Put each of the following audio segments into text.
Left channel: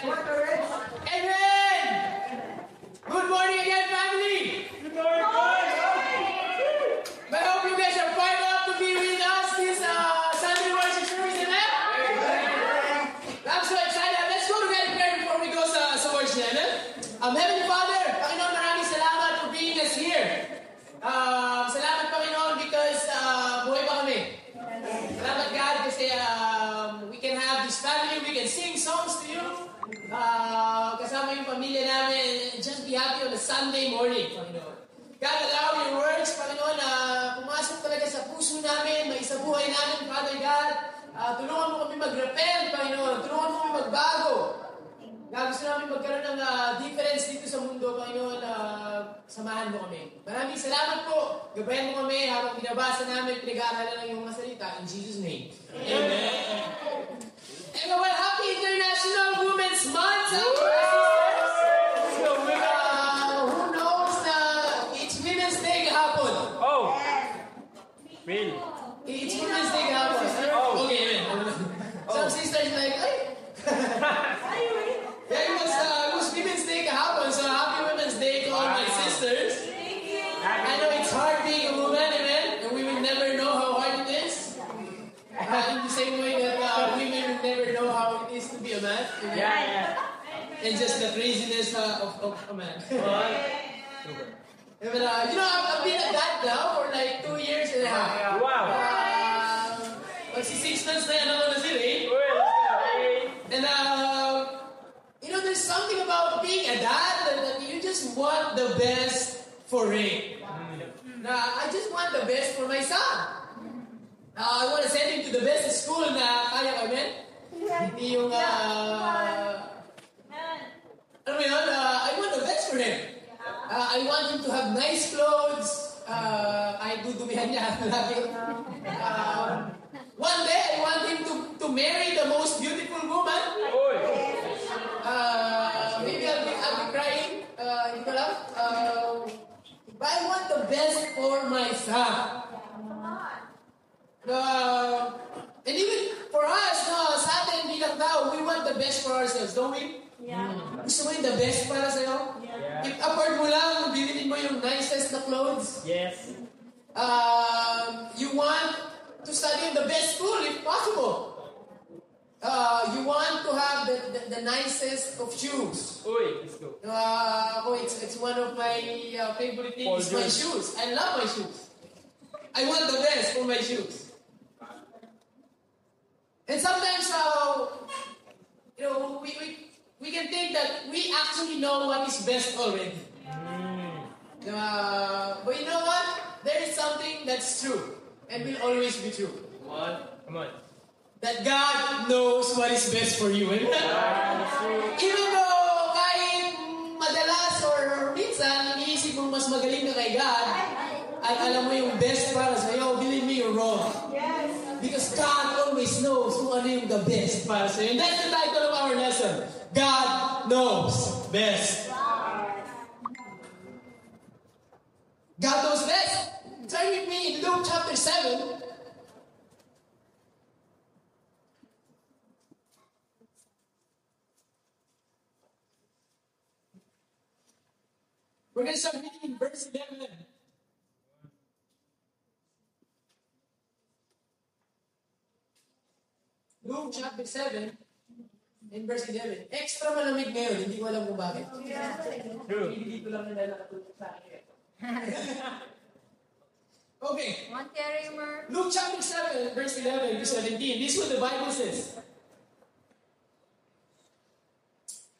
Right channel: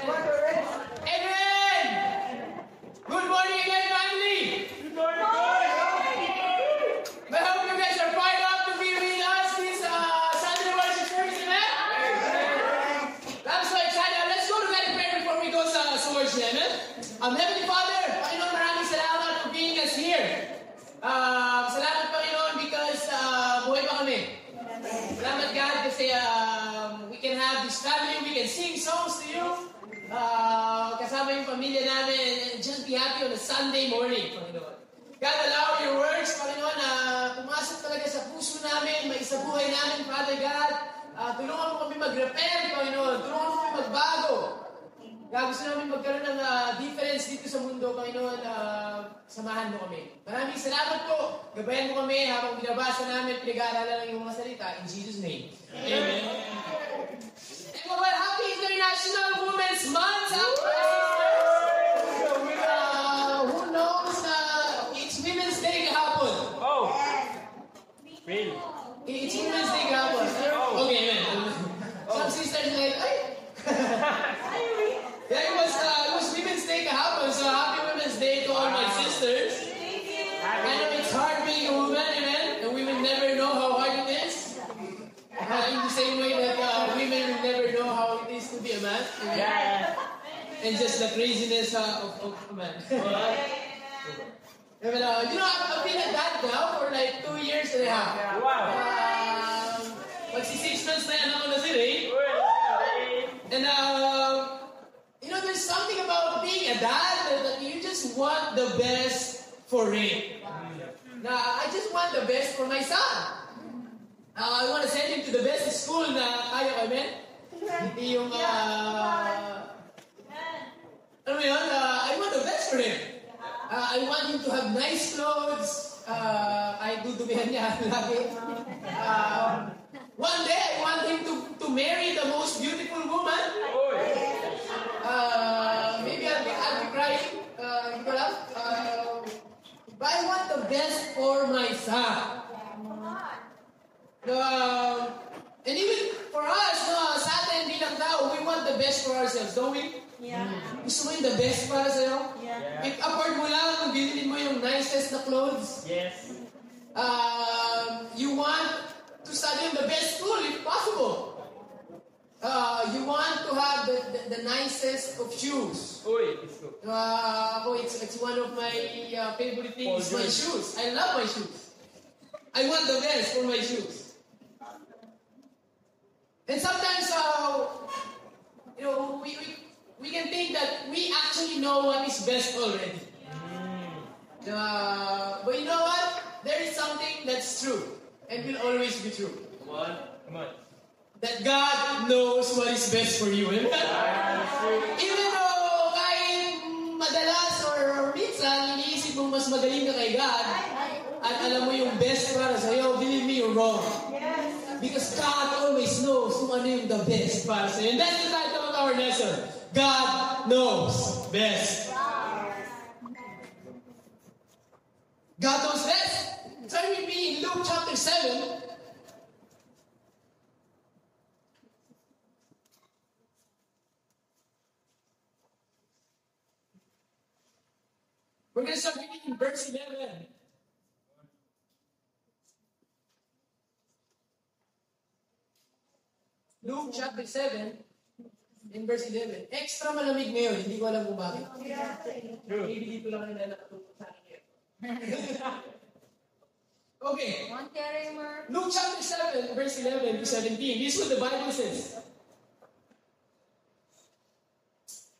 Amen! Good morning again, family! Good morning! I hope you guys are fired up to be with us this Sunday worship service, amen? I'm so excited. Let's go together in prayer before we go sa worship, amen? Heavenly Father, Panginoon, maraming salamat for being us here. Salamat, Panginoon, because buhay pa kami. Salamat, God, kasi we can have this family, we can sing songs to you. Kasama yung pamilya namin, just be happy on a Sunday morning, Panginoon. God, allow your words, Panginoon, na pumasok talaga sa puso namin, maisabuhay namin, Father God. Tulungan mo kami mag-repent, Panginoon. Tulungan mo kami magbago. God, gusto namin magkaroon ng difference dito sa mundo, Panginoon. Samahan mo kami. Maraming salamat po. Gabayan mo kami habang binabasa namin, pinag-aaralan ng iyong mga salita. In Jesus' name. Amen. Everyone, happy International Women's Month! Who knows na it's Women's Day kahapon? Oh! Really? It's Women's Day kahapon. Okay, man. Some sisters like, ay! Yeah, it was Women's Day kahapon, so happy Women's Day to all my sisters. I know it's hard being a woman, amen? And women never know how hard it is. In the same way that women will never know how it is to be a man. Amen? Yeah. And just the craziness of a man. But, I've been a dad now for like 2 years and a half. Wow. Magsi 6 months na yan ako na si Ray. And there's something about being a dad that you just want the best for Ray. I just want the best for my son. I want to send him to the best school na kaya ko, amen? Hindi yung, I want the best for him. I want him to have nice clothes. Ay, dudumihan niya lagi. One day, I want him to marry the most beautiful woman. Maybe I'll be crying. Hindi ko lang. But I want the best for my son. And even for us, sa atin bilang tao, we want the best for ourselves, don't we? Yeah. Gusto mo yung the best para sa'yo? Yeah. If afford mo lang, bilhin mo yung nicest na clothes. Yes. You want to study in the best school if possible. You want to have the nicest of shoes. Let's go. It's one of my favorite things, my shoes. I love my shoes. I want the best for my shoes. And sometimes, we can think that we actually know what is best already. But you know what? There is something that's true and will always be true. What? Come on. That God knows what is best for you. Amen? Even though kahit madalas or minsan, iniisip mo mas magaling ka kay God, at alam mo yung best para sa'yo, believe me, you're wrong. Because God always knows kung ano yung the best para sa'yo. And that's the title of our lesson. God knows best. God knows best. Turn with me in Luke chapter 7. We're going to start reading in verse 11. Luke chapter 7 in verse 11. Extra malamig ngayon, hindi ko alam kung bakit. Maybe dito lang nila nakatulog sa akin. Okay. Luke chapter 7 verse 11 to 17. This is what the Bible says.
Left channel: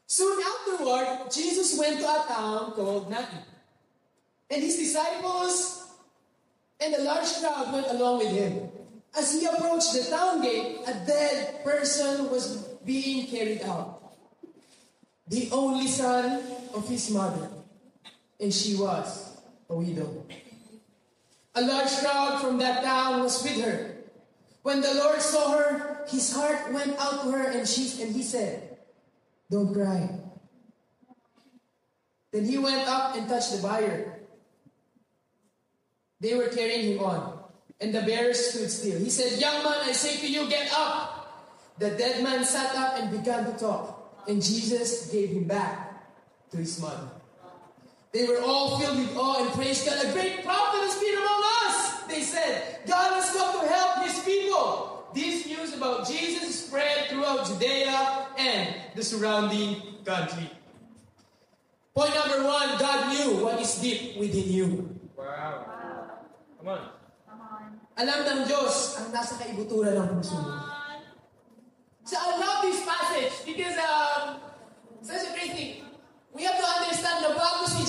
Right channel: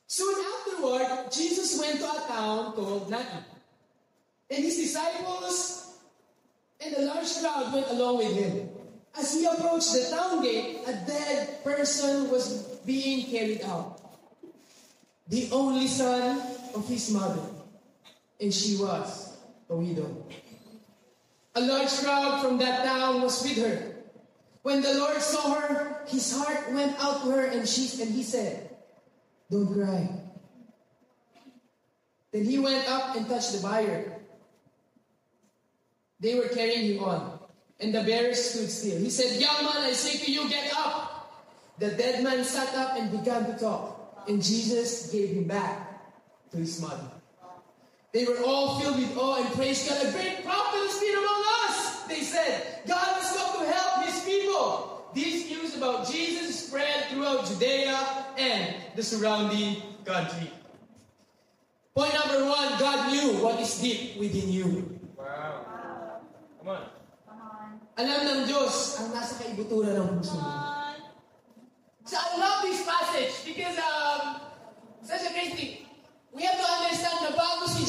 Soon afterward, Jesus went to a town called Nain. And his disciples and a large crowd went along with him. As he approached the town gate, a dead person was being carried out. The only son of his mother. And she was a widow. A large crowd from that town was with her. When the Lord saw her, his heart went out to her and he said, "Don't cry." Then he went up and touched the bier. They were carrying him on. And the bearer stood still. He said, "Young man, I say to you, get up." The dead man sat up and began to talk. And Jesus gave him back to his mother. They were all filled with awe and praised God. A great prophet has been among us, they said. God has come to help his people. This news about Jesus spread throughout Judea and the surrounding country. Point number 1, God knew what is deep within you. Wow. Come on. Alam ng Diyos ang nasa kaibuturan ng puso mo. So I love this passage because such a great thing. We have to understand na bago si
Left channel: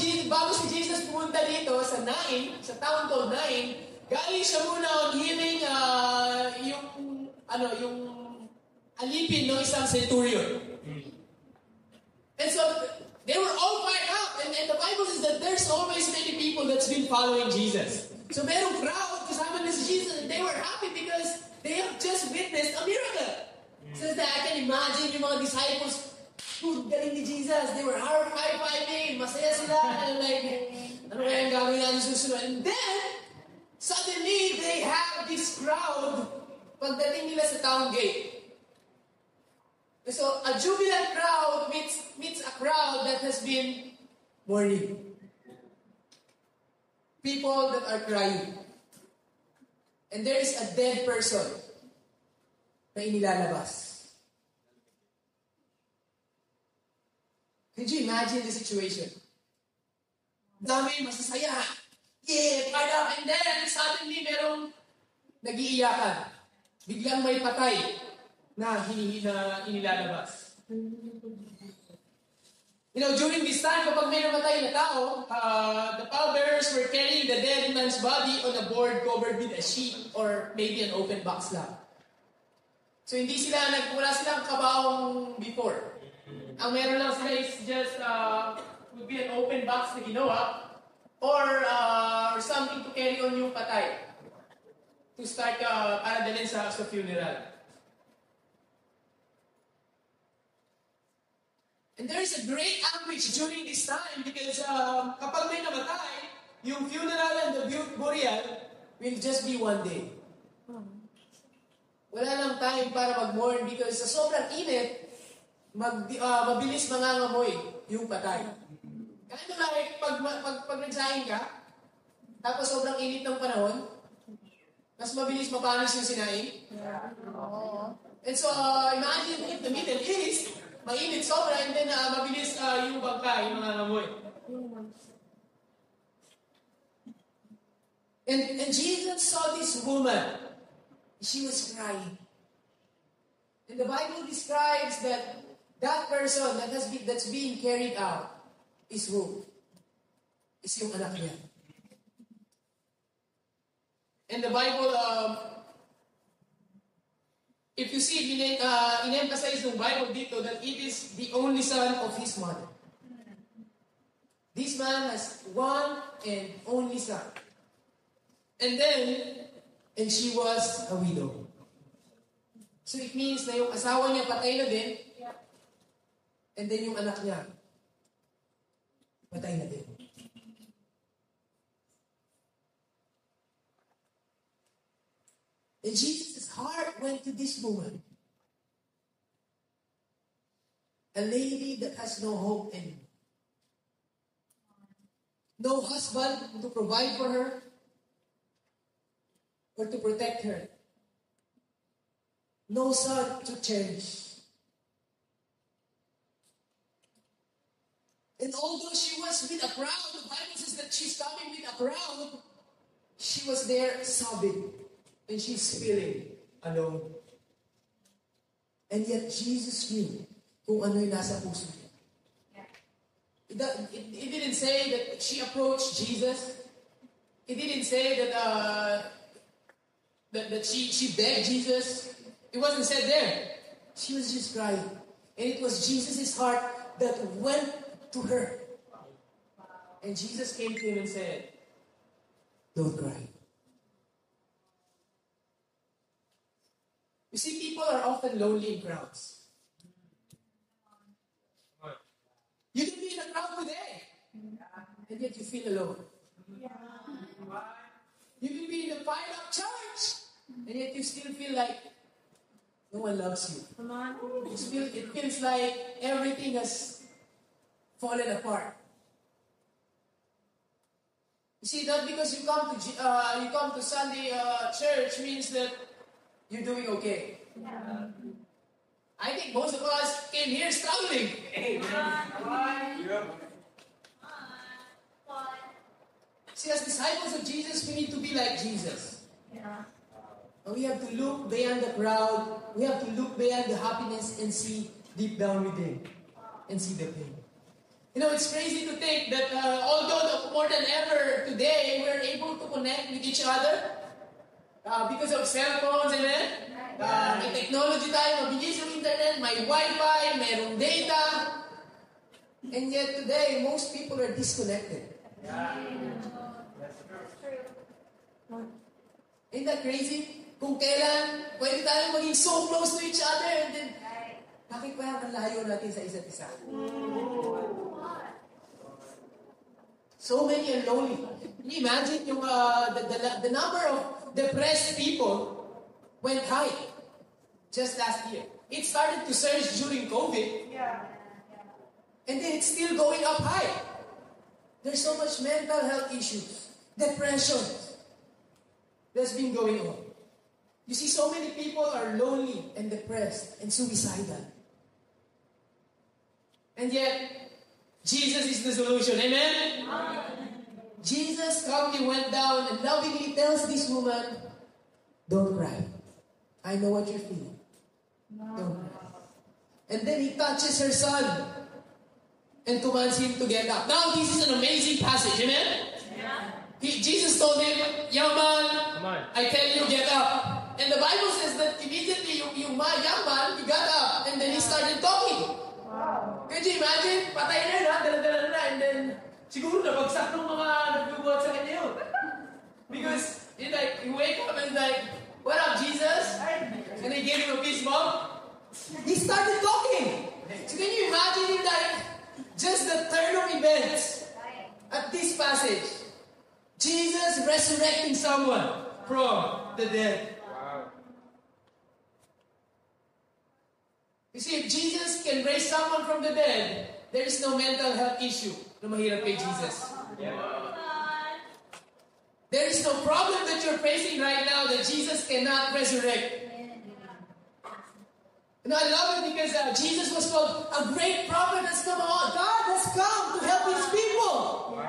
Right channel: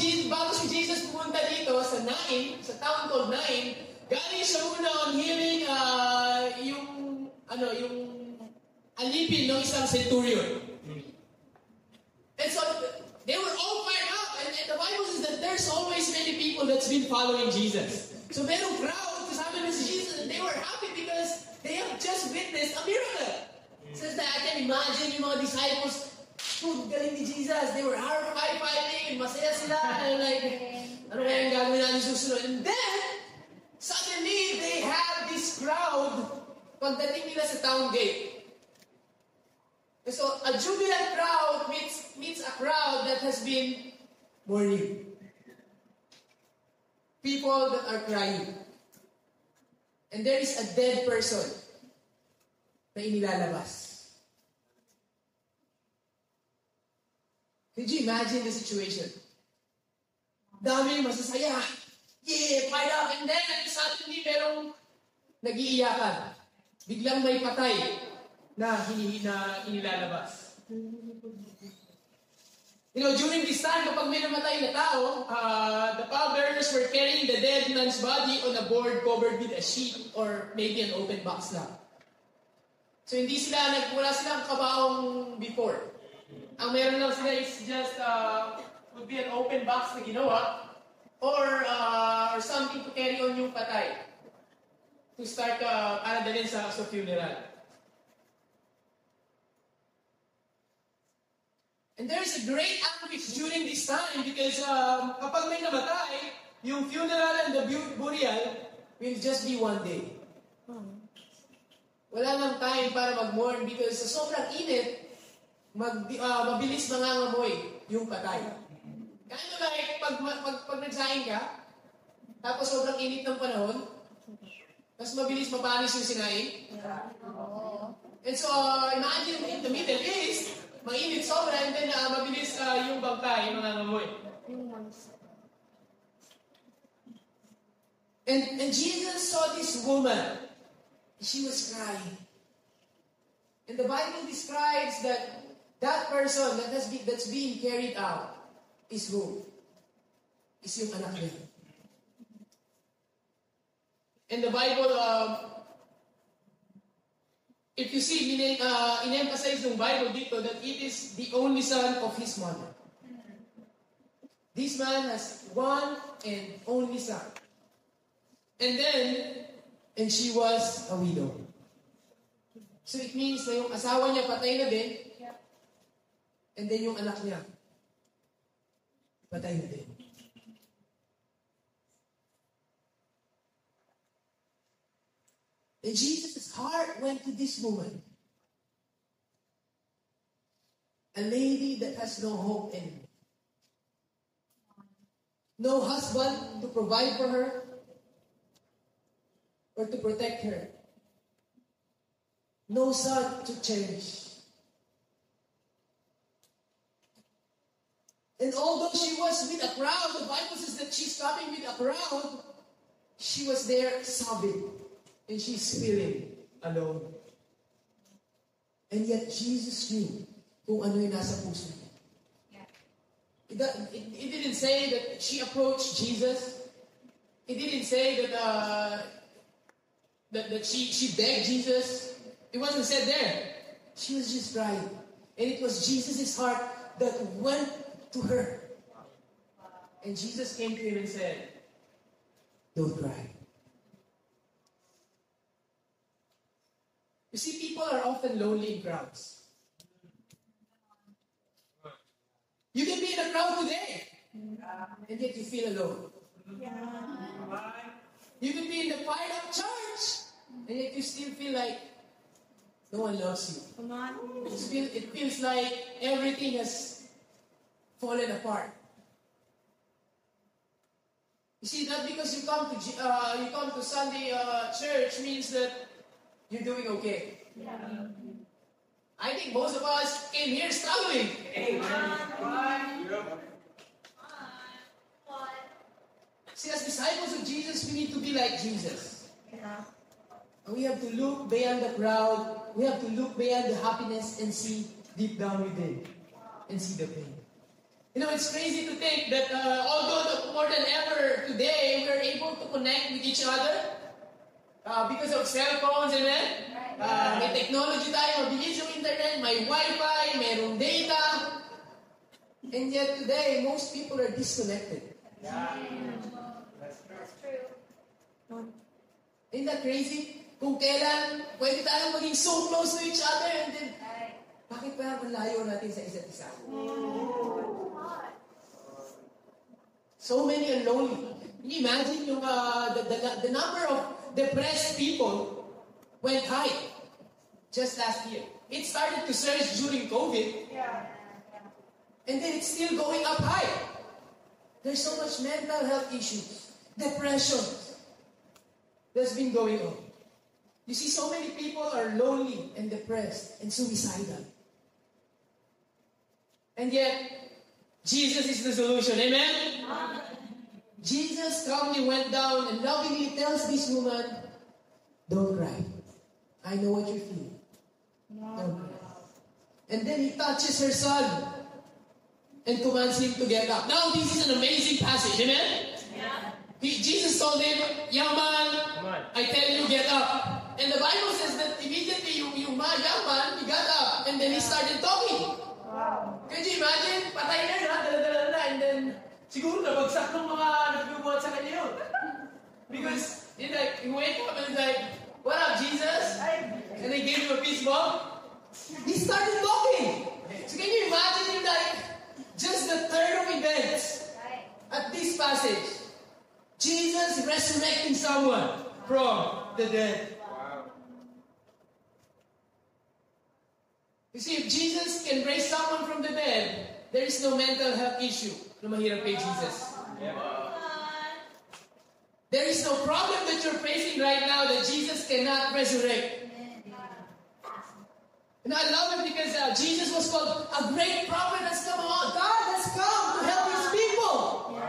Jesus pumunta dito sa Nain, sa town called Nain, galing siya muna on healing yung alipin ng isang centurion. And so they were all fired up, and the Bible says that there's always many people that's been following Jesus. So merong crowd kasama na si Jesus, and they were happy because they have just witnessed a miracle. Says that I can imagine yung mga disciples, galing ni Jesus. They were high-fiving, masaya sila, and like, ano kaya ang gagawin natin susunod? And then, suddenly, they have this crowd pagdating nila sa town gate. And so, a jubilant crowd meets a crowd that has been mourning. People that are crying. And there is a dead person na inilalabas. Could you imagine the situation? Daming masasaya. Yeah, fired up. And then, suddenly, merong nag-iiyakan. Biglang may patay na inilalabas. You know, during this time, kapag may namatay na tao, the pallbearers were carrying the dead man's body on a board covered with a sheet or maybe an open box lang. So, wala silang kabaong before. Ang meron lang sila is just, would be an open box na ginawa or something to carry on yung patay to start para dalhin sa funeral. And there is a great anguish during this time because kapag may namatay, yung funeral and the burial will just be one day. Wala lang time para mag-mourn because sa sobrang init, mabilis mangangamoy yung patay. Kind of like, pag nagsaing ka, tapos sobrang init ng panahon, mas mabilis mapanis yung sinaing. And so, imagine in the Middle East, mainit sobra, and then mabilis yung bangkay, yung mangangamoy. And Jesus saw this woman. She was crying. And the Bible describes that person that's being carried out is who? Is yung anak niya. And the Bible, if you see, in-emphasize yung Bible dito that it is the only son of his mother. This man has one and only son. And she was a widow. So it means na yung asawa niya patay na din, and then yung anak niya, patay na din. And Jesus' heart went to this woman. A lady that has no hope anymore. No husband to provide for her or to protect her. No son to cherish. And although she was with a crowd, the Bible says that she's coming with a crowd, she was there sobbing. And she's feeling alone. And yet Jesus knew kung ano yung nasa puso niya. It didn't say that she approached Jesus. It didn't say that she begged Jesus. It wasn't said there. She was just crying. And it was Jesus' heart that went to her. And Jesus came to him and said, "Don't cry." You see, people are often lonely in crowds. You can be in a crowd today, and yet you feel alone. You can be in the fired-up church, and yet you still feel like no one loves you. Come on. It feels like everything has fallen apart. You see, not because you come to Sunday church means that you're doing okay. Yeah. I think most of us came here struggling. See, as disciples of Jesus, we need to be like Jesus. Yeah. And we have to look beyond the crowd. We have to look beyond the happiness and see deep down within and see the pain. You know, it's crazy to think that although more than ever today, we're able to connect with each other because of cell phones, amen? May technology tayo, mabilis yung internet, may Wi-Fi, mayroong data. And yet today, most people are disconnected. Isn't that crazy? Kung kailan, pwede tayong maging so close to each other and then, bakit parang ang layo natin sa isa't isa? So many are lonely. Can you imagine yung, the number of depressed people went high just last year. It started to surge during COVID. And then it's still going up high. There's so much mental health issues, depression that's been going on. You see, so many people are lonely and depressed and suicidal. And yet, Jesus is the solution. Amen? Jesus calmly went down and lovingly tells this woman, don't cry. I know what you're feeling. Don't cry. And then he touches her son and commands him to get up. Now, this is an amazing passage. Amen? Jesus told him, young man, I tell you, get up. And the Bible says that immediately yung young man, he got up and then he started talking. Can you imagine? Patay na, dala-dala na, and then siguro nabagsak ng mga nagbubuhat sa kanya yun. Because he wake up and like, what up, Jesus? And they gave him a peace bomb. He started talking. So can you imagine just the turn of events at this passage? Jesus resurrecting someone from the dead. Wow. You see, if Jesus can raise someone from the dead, there is no mental health issue na mahirap kay Jesus. Yeah. There is no problem that you're facing right now that Jesus cannot resurrect. You know, I love it because Jesus was called a great prophet that's come on. God has come to help His people.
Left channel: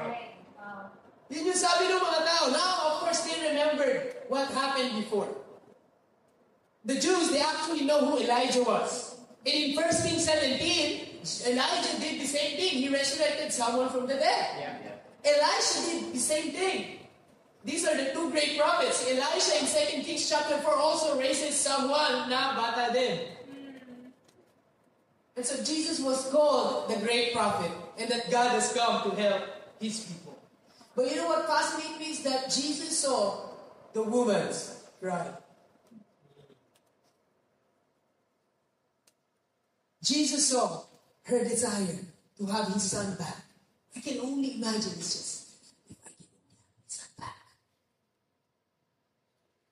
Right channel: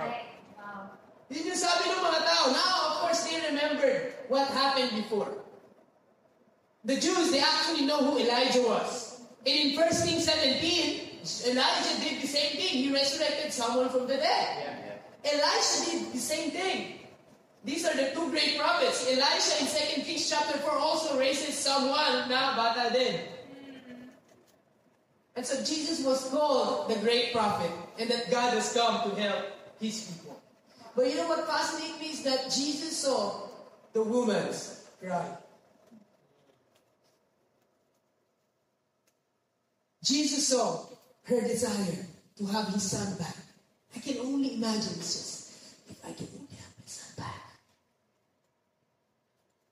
Yun yung sabi ng mga tao. Now, of course, they remembered what happened before. The Jews, they actually know who Elijah was. And in 1 Kings 17, Elijah did the same thing. He resurrected someone from the dead. Elisha did the same thing. These are the two great prophets. Elisha in 2 Kings chapter 4 also raises someone na bata din. And so Jesus was called the great prophet and that God has come to help His people. But you know what fascinates me is that Jesus saw the woman's cry. Jesus saw her desire to have his son back. I can only imagine, it's just, if I can only have my son back.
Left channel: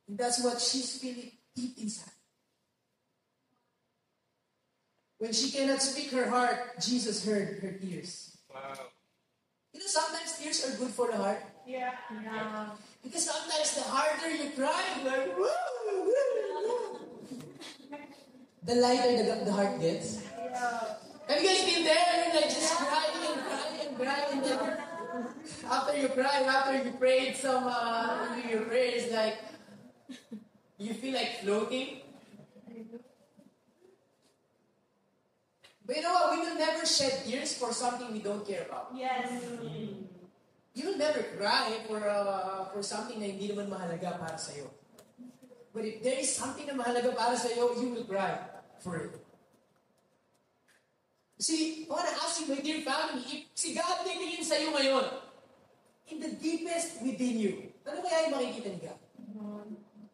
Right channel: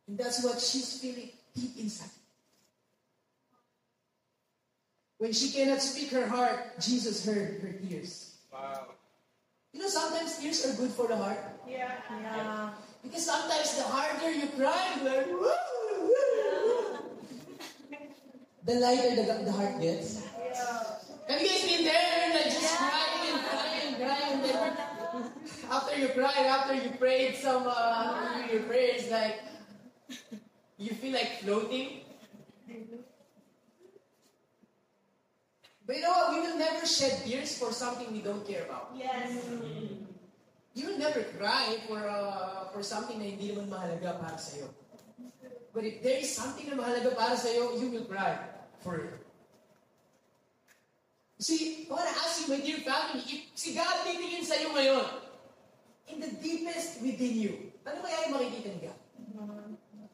And that's what she's feeling deep inside. When she cannot speak her heart, Jesus heard her tears. Wow. You know, sometimes tears are good for the heart. Yeah. Because sometimes the harder you cry, like, the lighter the heart gets. Have you guys been there? You're like just crying and crying and crying. And then after you cried, after you prayed some your prayers, like you feel like floating. But you know what? We will never shed tears for something we don't care about. Yes. You will never cry for something na hindi naman mahalaga para sa'yo. But if there is something na mahalaga para sa'yo, you will cry for it. You see, I want to ask you, my dear family, if si God titingin sa'yo ngayon, in the deepest within you, ano kaya yung makikita ni God?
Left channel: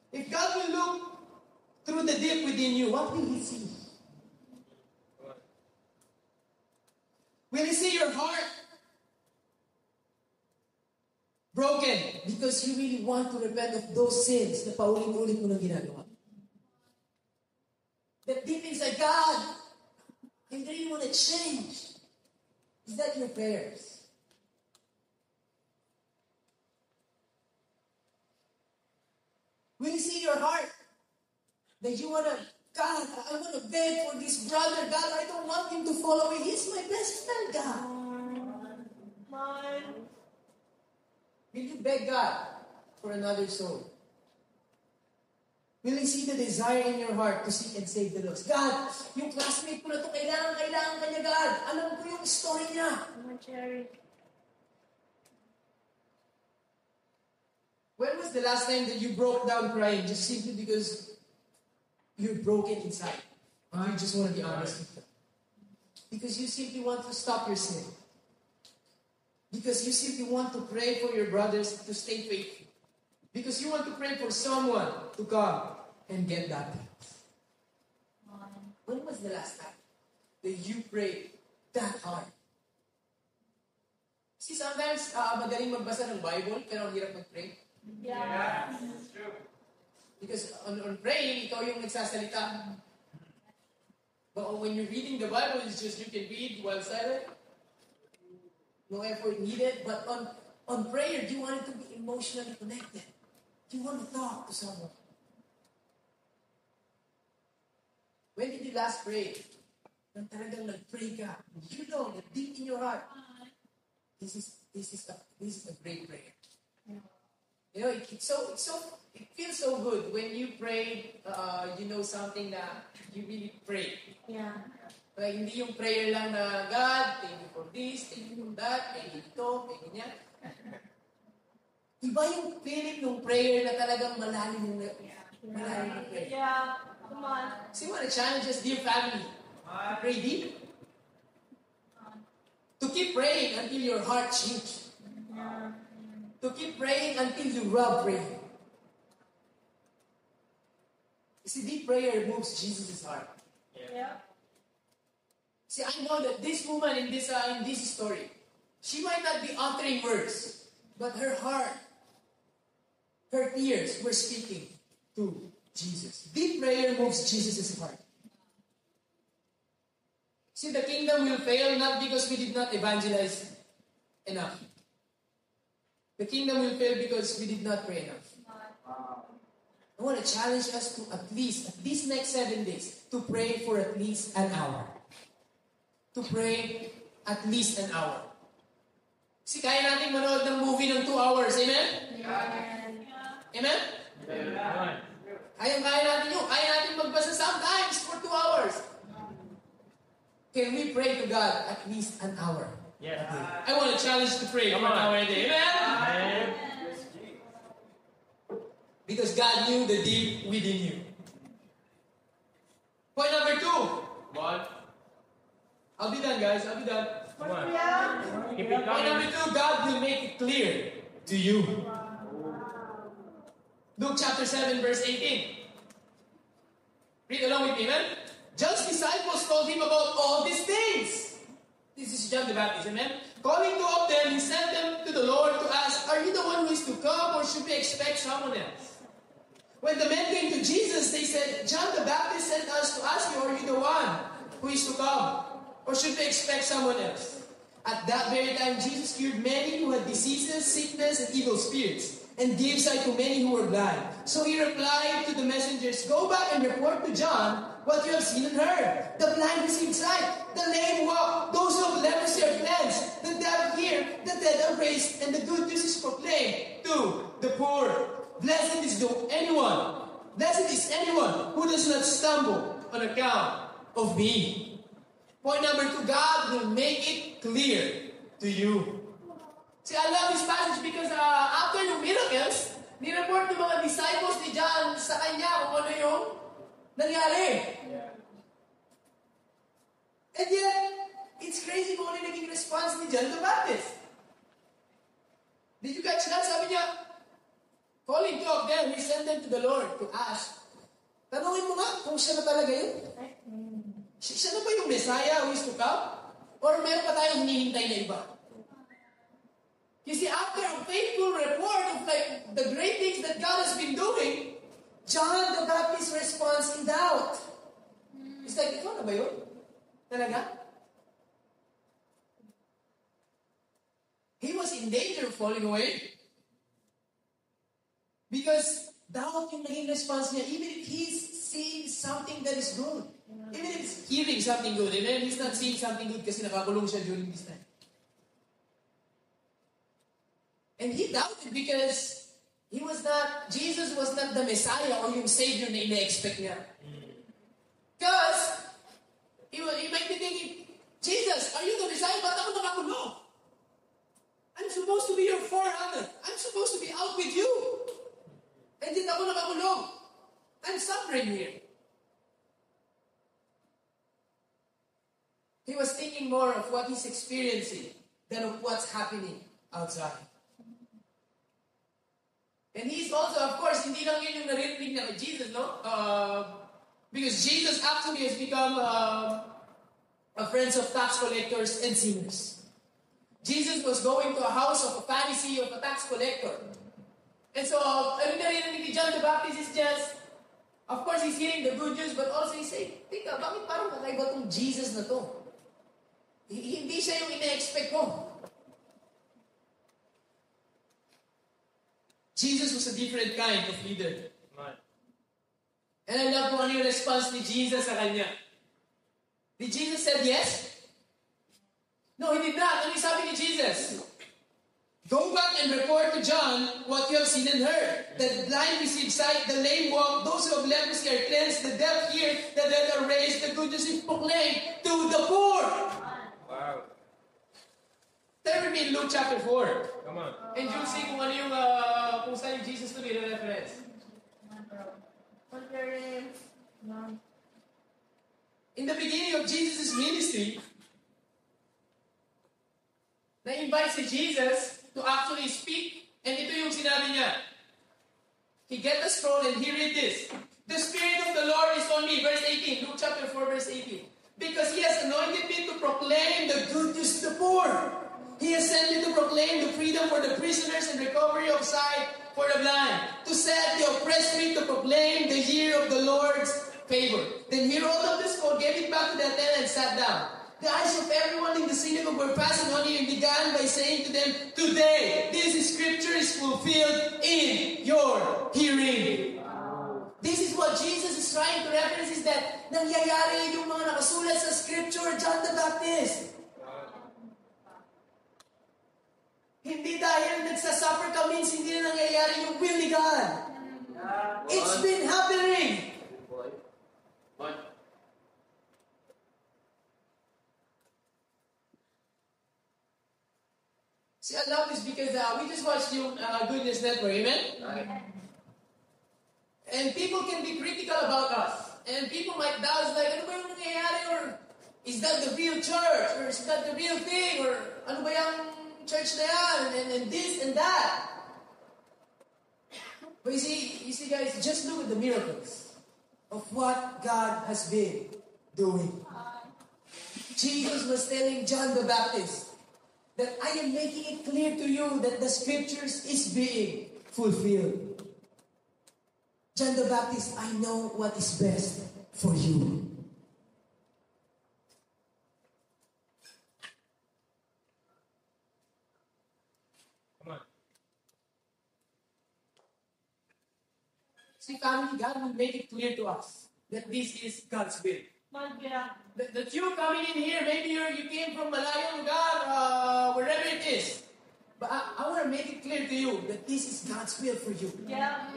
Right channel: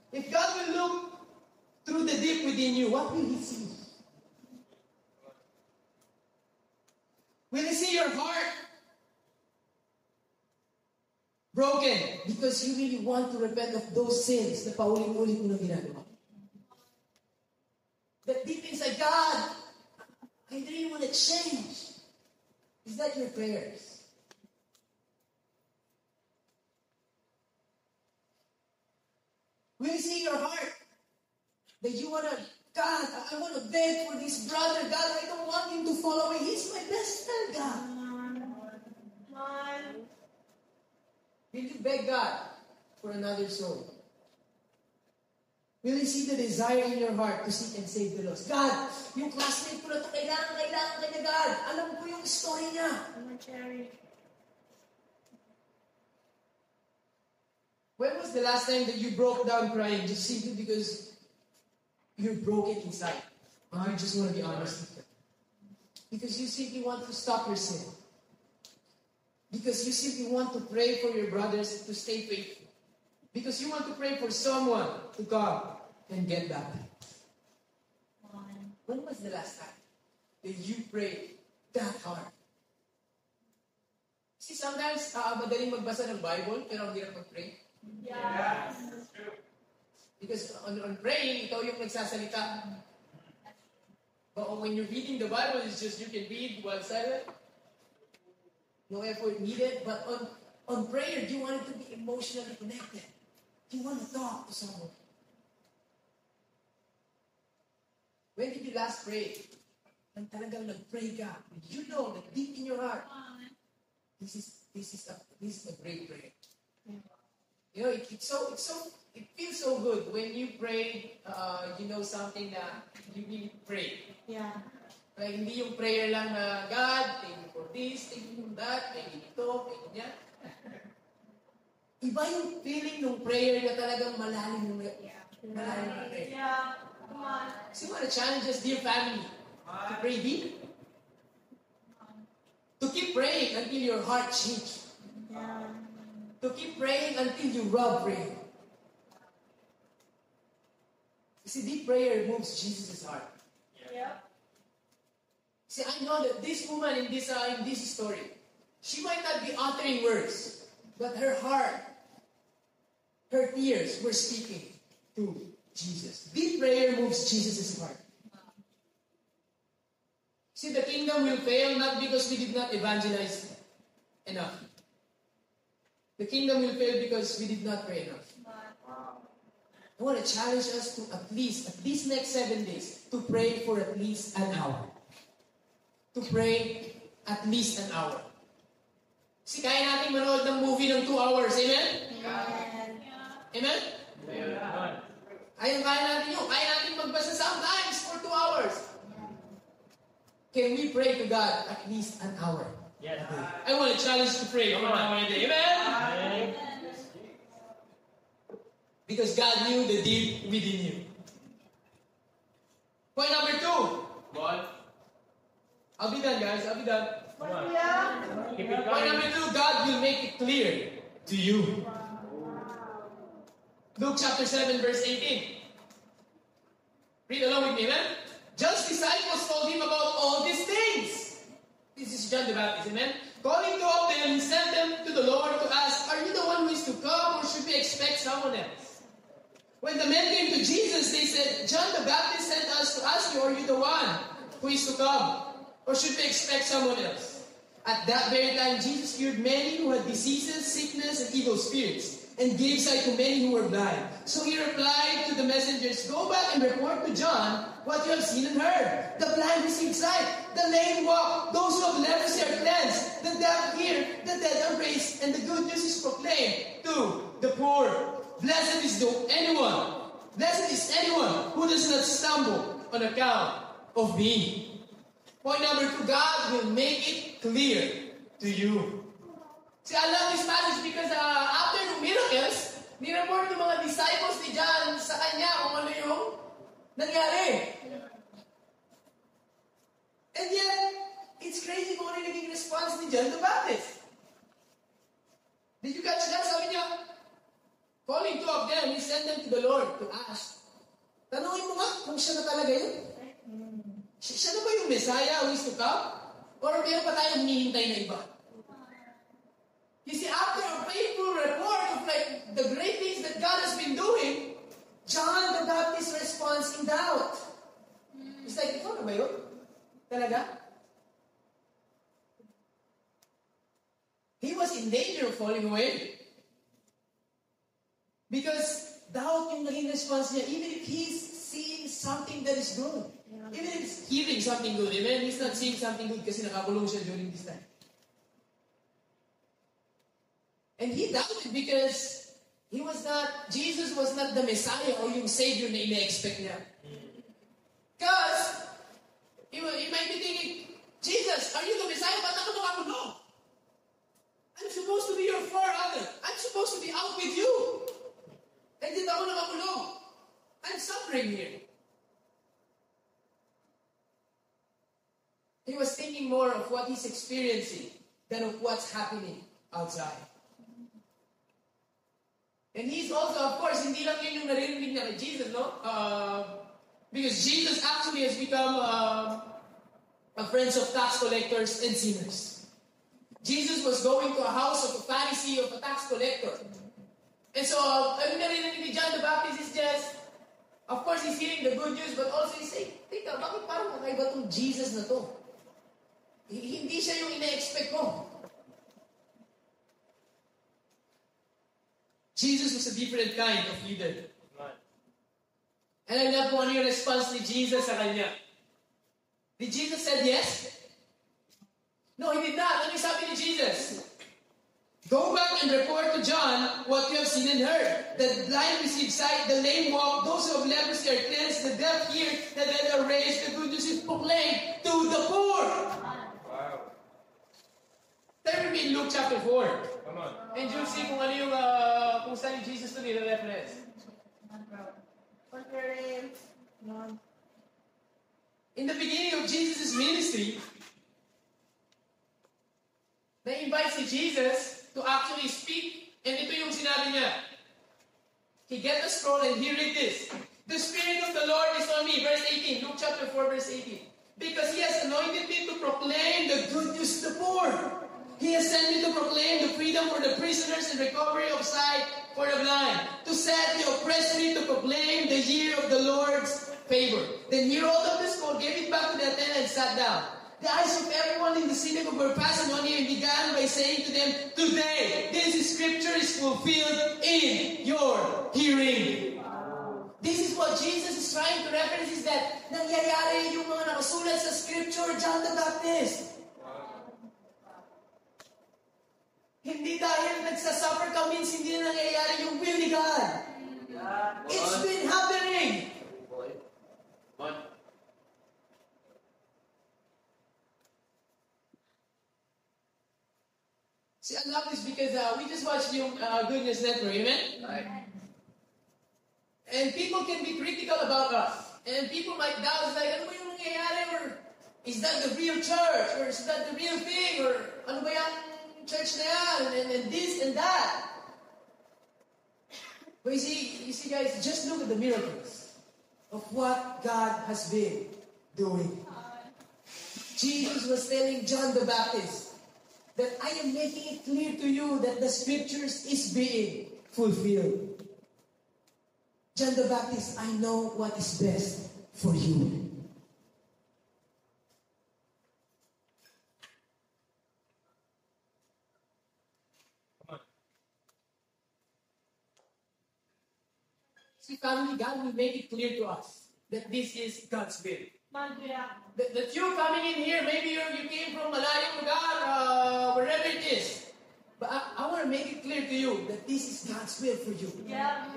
If God will look through the deep within you, what will He see? Will He see your heart broken because you really want to repent of those sins na paulit-ulit mo nang ginagawa? and then you want to change. Is that your prayers? Will you see your heart? That you want to, God, I want to beg for this brother. God, I don't want him to fall away. He's my best friend, God. Will you beg God for another soul? Will you see the desire in your heart to seek and save the lost? God, yung classmate ko na ito, kailangan ka niya, God. Alam ko yung story niya. When was the last time that you broke down crying just simply because you're broken inside? Or you just want to be honest with them? Because you simply want to stop your sin. Because you simply want to pray for your brothers to stay faithful. Because you want to pray for someone to come and get baptized. When was the last time that you prayed that hard? See, sometimes madaling magbasa ng Bible, pero ang hirap mag-pray. Yeah, that's true. Because on praying, ikaw yung nagsasalita. But when you're reading the Bible, it's just you can read while silent. No effort needed. But on prayer, you want it to be emotionally connected. You want to talk to someone. When did you last pray? Nang talagang nag-pray ka. You know that deep in your heart, this is a great prayer. You know, it feels so good when you pray, something that you really pray. Yeah. Like, hindi yung prayer lang na, God, thank you for this, thank you for that, thank you ito, thank you niya. Iba yung feeling ng prayer na talagang malalim yung prayer. Yeah. Come on. So you want to challenge us, dear family, to pray deep. To keep praying until your heart changes. Yeah. To keep praying until you love praying. You see, deep prayer moves Jesus' heart. Yeah. See, I know that this woman in this story, she might not be uttering words, but her heart, her tears were speaking to Jesus. Deep prayer moves Jesus' heart. See, the kingdom will fail not because we did not evangelize enough. The kingdom will fail because we did not pray enough. I want to challenge us to at least next 7 days, to pray for at least an hour. To pray at least an hour. See, kaya natin manood ng movie ng 2 hours. Amen? Amen? Amen. Kaya natin yun. Kaya natin magbasa sometimes for 2 hours. Can we pray to God at least an hour? Yes. I want to challenge to pray for an hour a day. Amen? Amen. Because God knew the deep within you. Point number 2. Ball. I'll be done, guys. I'll be done. Come on. Keep it Point number going. 2, God will make it clear to you. Luke chapter 7, verse 18. Read along with me, amen? John's disciples told him about all these things. This is John the Baptist, amen? Calling 2 of them, he sent them to the Lord to ask, are you the one who is to come, or should we expect someone else? When the men came to Jesus, they said, John the Baptist sent us to ask you, are you the one who is to come, or should we expect someone else? At that very time, Jesus cured many who had diseases, sickness, and evil spirits, and gave sight to many who were blind. So he replied to the messengers, go back and report to John what you have seen and heard. The blind receive sight, the lame walk, those who have leprosy are cleansed, the deaf hear, the dead are raised, and the good news is proclaimed to the poor. Blessed is anyone who does not stumble on account of me. Point number 2, God will make it clear to you. See, I love this passage because after the miracles, ni-report ng mga disciples ni John sa kanya kung ano yung nangyari. And yet, it's crazy kung ano yung naging response ni John the Baptist. Did you catch that? Sabi niya, calling 2 of them, he sent them to the Lord to ask. Tanungin mo nga kung siya na talaga yun. Siya na ba yung Messiah who is to come? Or meron pa tayong hinihintay na iba? You see, after a faithful report of like the great things that God has been doing, John the Baptist responds in doubt. It's like, ikaw na ba yun? Talaga? He was in danger of falling away. Because doubt yung naging response niya, even if he's seeing something that is good. Even if he's hearing something good. Amen? He's not seeing something good kasi nakakulong siya during this time. And he doubted because Jesus was not the Messiah or yung Savior na ina-expect niya. Because he might be thinking, Jesus, are you the Messiah? Ba't ako nakakulong? I'm supposed to be your forefather. I'm supposed to be out with you. And yet ako nakakulong. I'm suffering here. He was thinking more of what he's experiencing than of what's happening outside. And he's also, of course, hindi lang yun yung narinig niya kay Jesus, no? Because Jesus actually has become a friend of tax collectors and sinners. Jesus was going to a house of a Pharisee, of a tax collector. And so, ano narinig ni John the Baptist is just, of course, he's hearing the good news, but also he's saying, tika, bakit parang kakaiba tong Jesus na to? Hindi siya yung ina-expect ko. Jesus was a different kind of leader. And I love kung ano yung response ni Jesus sa kanya. Did Jesus say yes? No, he did not. Ano yung sabi ni Jesus? Go back and report to John what you have seen and heard. The blind receive sight, the lame walk, those who have leprosy are cleansed, the deaf hear, the dead are raised, the good news is proclaimed to the poor. Wow. Turn with me in Luke chapter 4. Come on. And you'll see kung ano yung, kung saan yung Jesus to nire-reference. In the beginning of Jesus' ministry, na-invite si Jesus to actually speak. And ito yung sinabi niya. He get a scroll and he read this. The Spirit of the Lord is on me. Verse 18. Luke chapter 4 verse 18. Because He has anointed me to proclaim the good news to the poor. He has sent me to proclaim the freedom for the prisoners and recovery of sight for the blind. To set the oppressed free, to proclaim the year of the Lord's favor. Then he rolled up the scroll, gave it back to the attendant and sat down. The eyes of everyone in the synagogue were fastened on him and began by saying to them, Today, this scripture is fulfilled in your hearing. This is what Jesus is trying to reference, is that nangyayari yung mga nakasulat sa scripture, John the Baptist. Hindi dahil nagsasuffer ka means hindi na nangyayari yung will ni God. It's been happening. See, I love this because we just watched yung Good News Network, amen? Right. And people can be critical about us. And people might doubt, like, ano ba yung nangyayari? Or is that the real church? Or is that the real thing? Or ano ba yung church na yan? And this and that. But you see guys, just look at the miracles of what God has been doing. Jesus was telling John the Baptist that I am making it clear to you that the scriptures is being fulfilled. John the Baptist, I know what is best for you. Come on. See, family, God will make it clear to us that this is God's will. That you coming in here, maybe you came from Malayang lugar, wherever it is. But I want to make it clear to you that this is God's will for you. Yeah.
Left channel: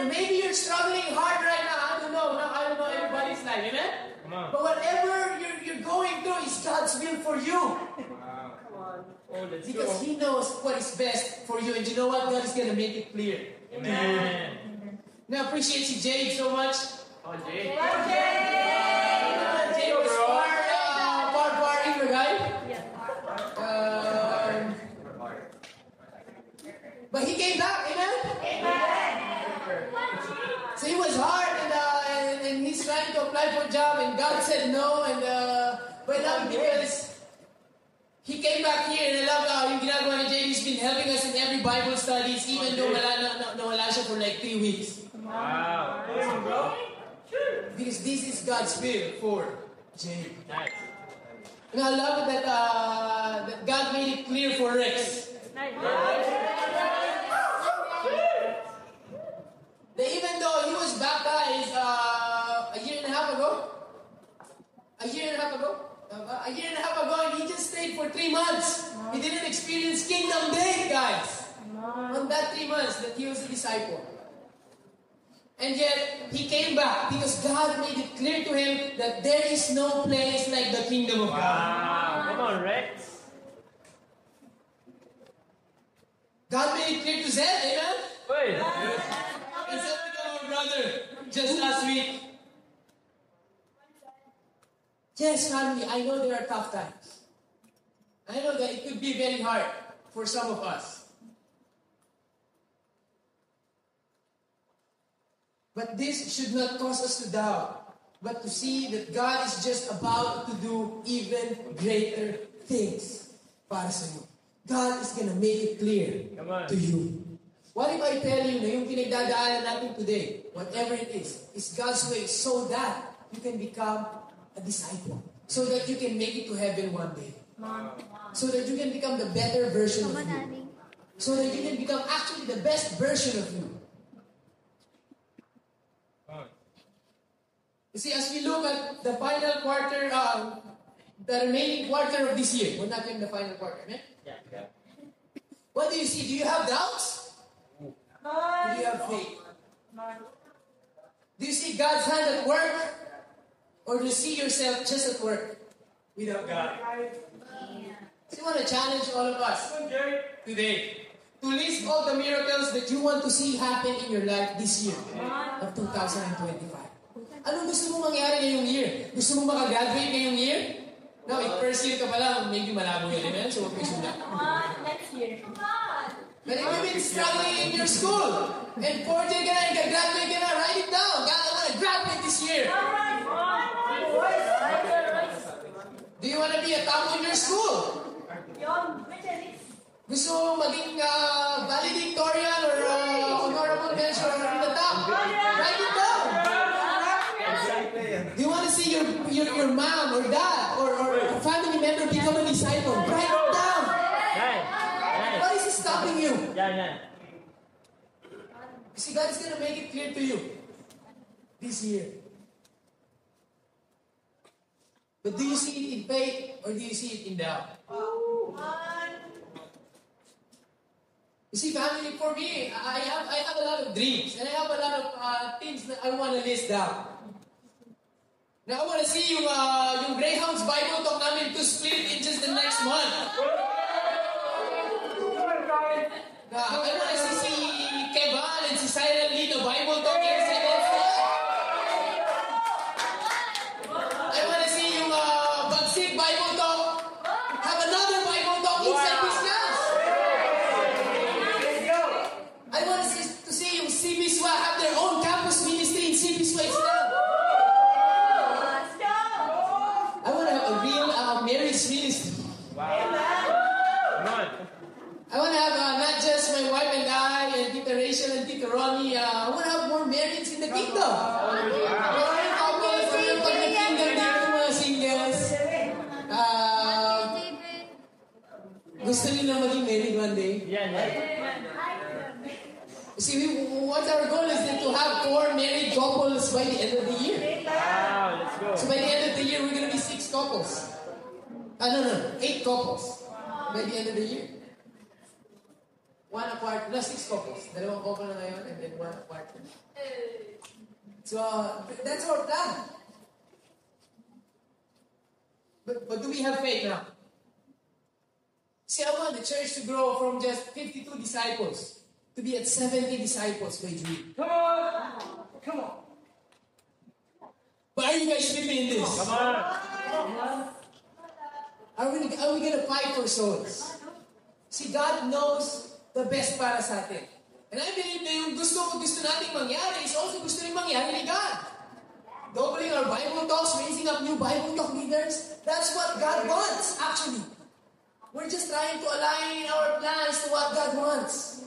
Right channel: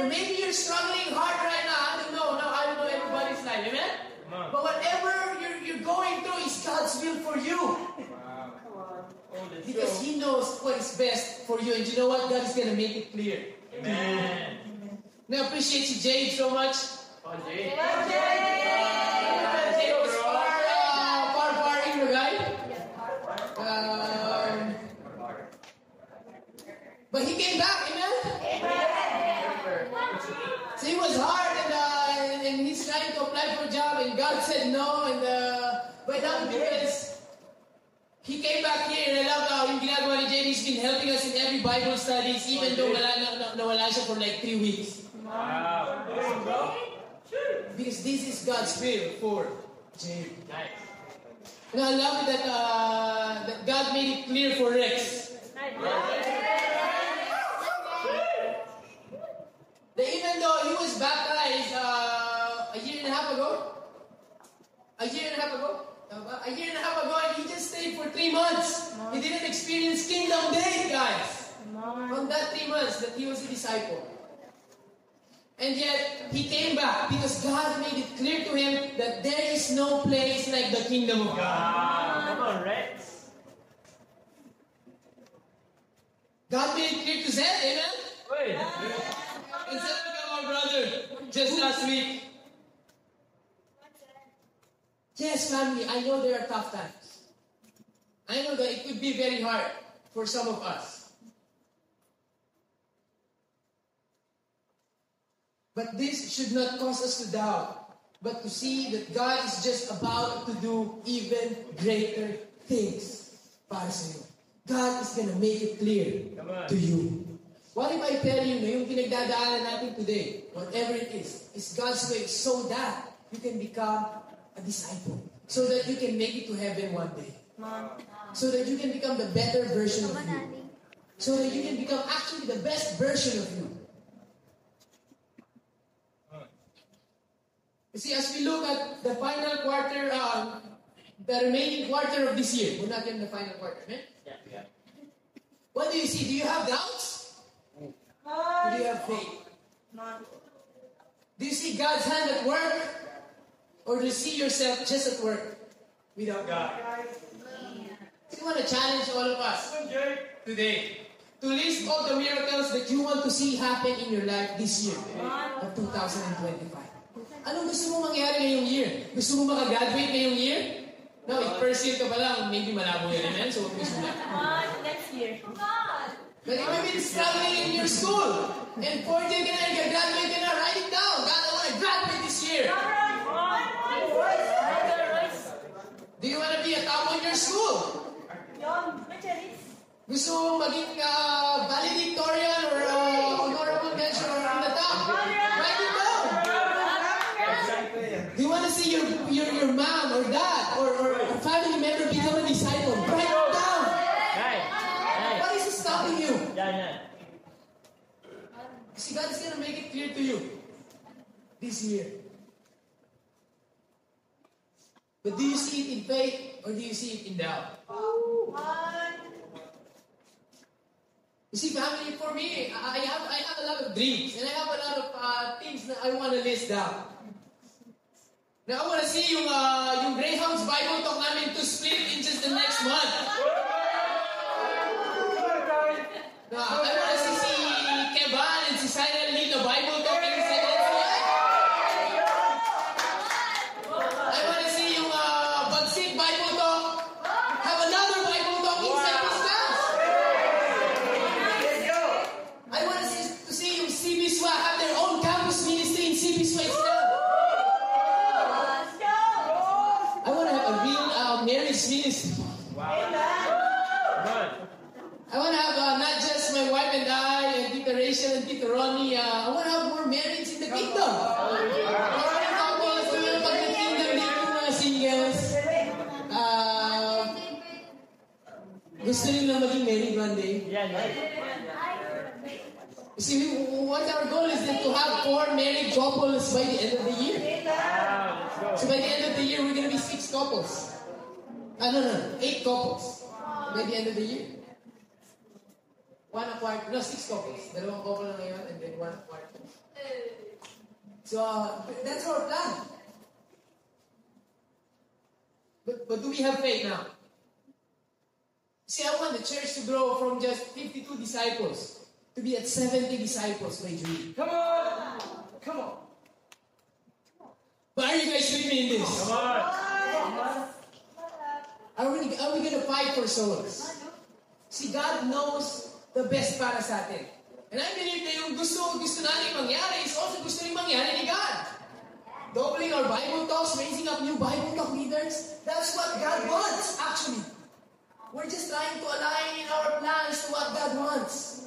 And maybe you're struggling hard right now. I don't know everybody's life, amen? But whatever you're going through is God's will for you. Wow. Oh, let's Because go. He knows what is best for you. And you know what? God is going to make it clear. Amen. Now, I appreciate si Jade so much. Oh, Jay. Jade was far guy. But he came back, amen? So he was hard and he's trying to apply for a job and God said no. And but now because he came back here and I love yung ginagawa ni Jade. He's been helping us in every Bible studies even though wala siya for like 3 weeks. Wow. Because this is God's will Jay. Nice. And I love it that God made it clear for Rex. That even though he was baptized a year and a half ago, and he just stayed for 3 months. He didn't experience kingdom day, guys. On that 3 months that he was a disciple. And yet, he came back because God made it clear to him that there is no place like the kingdom of God. Come on, Rex. God made it clear to Zed, amen? Wait. And Zed became our brother just last week. Yes, family, I know there are tough times. I know that it could be very hard for some of us. But this should not cause us to doubt, but to see that God is just about to do even greater things para sa iyo. God is gonna make it clear to you. What if I tell you na yung pinagdadaanan natin today, whatever it is God's way so that you can become a disciple. So that you can make it to heaven one day. So that you can become the better version of you. So that you can become actually the best version of you. You see, as we look at the final quarter, the remaining quarter of this year, we're not in the final quarter, right? Yeah. What do you see? Do you have doubts? Do you have faith? Do you see God's hand at work? Or do you see yourself just at work without God? So I want to challenge all of us today to list all the miracles that you want to see happen in your life this year of 2025. Anong gusto mo mangyari ngayong year? Gusto mo makagraduate ngayong year? No, if first year ka pa lang, maybe malabo yun, amen? So, huwag mo sulat. Next year. But if you've been struggling in your school, and 4th year ka na, graduate ka na, write it down. God, I want to graduate this year. Do you want to be a top in your school? Gusto mo maging valedictorian or honorable mention or in the top? Write it down. Do you want to see your mom or dad or a family member become a disciple? Write it down. What is stopping you? See, God is going to make it clear to you this year. But do you see it in faith or do you see it in doubt? You see, family, for me, I have a lot of dreams and I have a lot of things that I want to list down. Now, I want to see yung Greyhounds Bible Talk namin to split in just the next month. Now, I want to see si Kevan and si Cyril lead the Bible Talk in second slide. I want to see yung Bagsik Bible Talk have another Bible Talk inside this class. I want to see yung CBSWA have their own campus ministry in CBSWA itself. I want to have a real marriage ministry. I want to have not just my wife and I and Tita Rachel and Tita Ronnie. I want to have more marriage in the kingdom. More couples, pag nag-kingdom din yung mga singles. Gusto nila maging married one day. You see, what our goal is then to have 4 married couples by the end of the year. So by the end of the year, we're going to be 6 couples. No, 8 couples. By the end of the year. 1 apart, 6 couples. 2 couple na ngayon and then 1 apart. So that's our plan. But do we have faith now? See, I want the church to grow from just 52 disciples to be at 70 disciples by June. Come on. But are you guys with me in this? Come on. Are we going to fight for souls? See, God knows the best para sa atin. And I believe na yung gusto natin mangyari is also gusto rin mangyari ni God. Doubling our Bible talks, raising up new Bible talk leaders, that's what God wants, actually. We're just trying to align our plans to what God wants.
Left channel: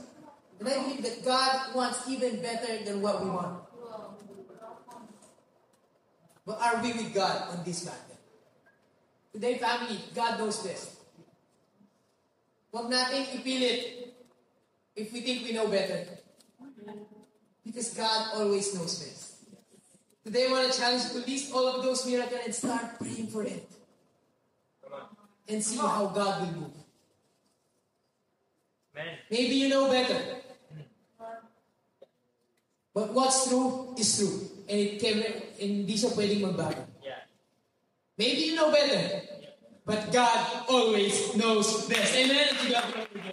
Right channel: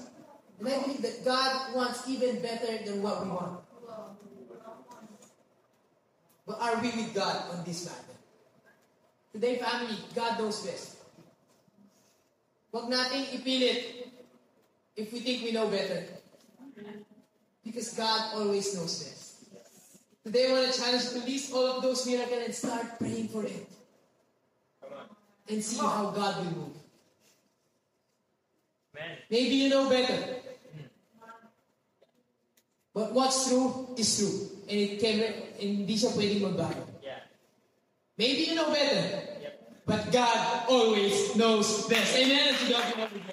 And I believe that God wants even better than what we want. But are we with God on this matter? Today, family, God knows best. Huwag nating ipilit if we think we know better. Because God always knows best. Today, I want to challenge you to list all of those miracles and start praying for it. And see how God will move. Amen. Maybe you know better. But what's true is true. And hindi siya pwedeng magbago. Yeah. Maybe you know better. Yep. But God always knows best. Amen. To God be all the glory.